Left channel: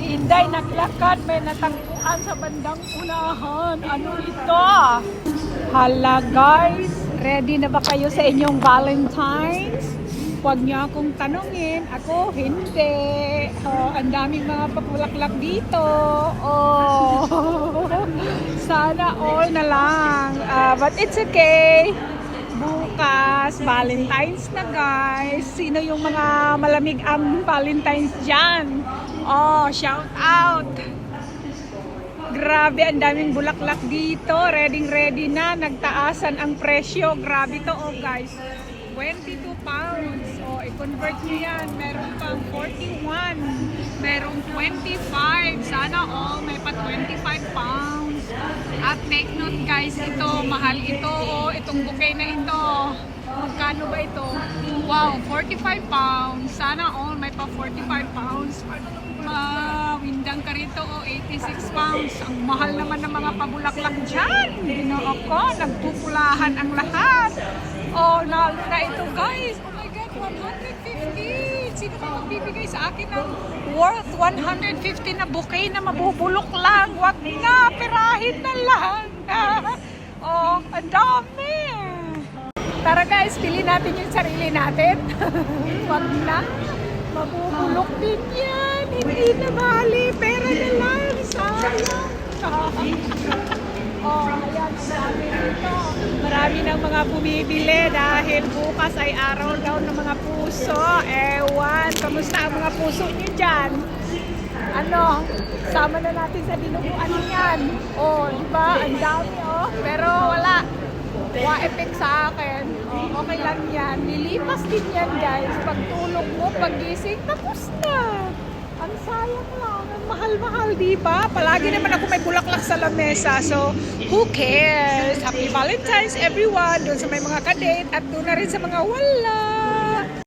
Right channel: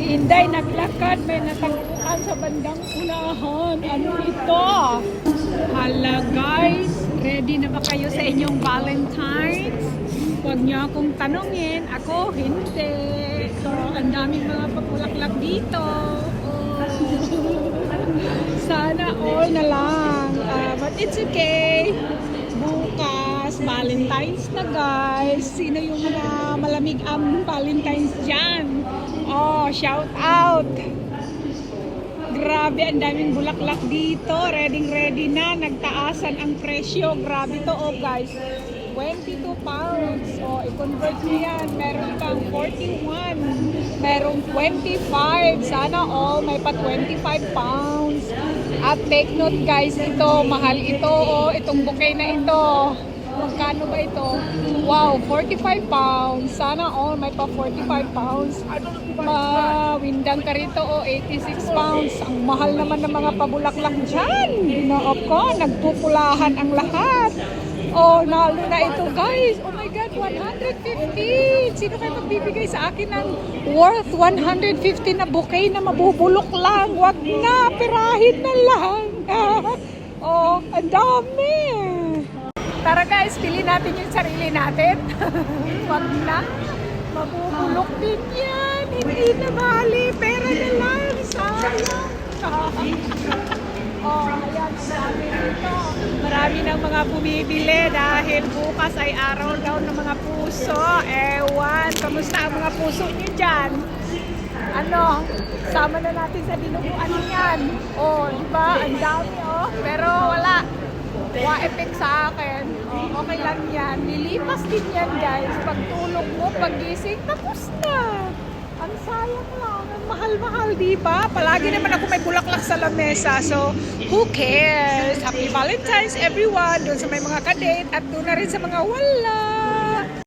Si Inday naglakad, may natagpuan sa bandang unahan. Ano ito? Hala guys, ready na ba kayo sa inyong Valentine's? Huwag niyo akong tanungin, ako hindi. Ang daming mga pabulaklak dito. Oh, sana all na lang. But it's okay. Bukas, Valentine's na guys. Sino yung mga malamig ang Valentine's dyan? Oh, shout out! Grabe, ang daming bulaklak dito. Ready na. Nagtaasan ang presyo. Grabe to, oh guys. 22 pounds. O, i-convert nyo yan. Meron pang 41. Merong 25. Sana all may pa 25 pounds. At take note guys, ito, mahal ito. O, itong bouquet na ito. Magkano ba ito? Wow, 45 pounds. Sana all may pa 45 pounds. Mawindang ka rito, o 86 pounds. Ang mahal naman ng mga pabulaklak dyan. Ginoo ko, nagpupulahan ang lahat. Oh, nalo na ito guys. Oh my God, 150. Sino ba magbibigay sa akin ng worth 150 na bouquet na mabubulok lang? Wag nga, pirahin na lang. Oh, ang dami. Tara guys, pili natin yung sarili natin. Wag na. Mabubulok din yan. Hindi na bali. Pera na lang. Sayang. Oh, ayan. Marami dito. Marami ng mga bumibili dahil bukas ay araw daw ng mga puso. Ewan. Kamusta ang mga puso niyo dyan? Ano? Sama na natin sa dinuguan niyan. Oh, diba? Ang dami oh. Pero wala. Wa-effect sa akin. Oh, okay lang yan. Nilipas din yan guys. Pagtulog mo, pagising, tapos na. Ang sayang lang. Ang mahal-mahal, diba? Palagi naman ako may bulaklak sa lamesa. So, who cares? Happy Valentine's everyone. Doon sa may mga kadate at doon na rin sa mga wala.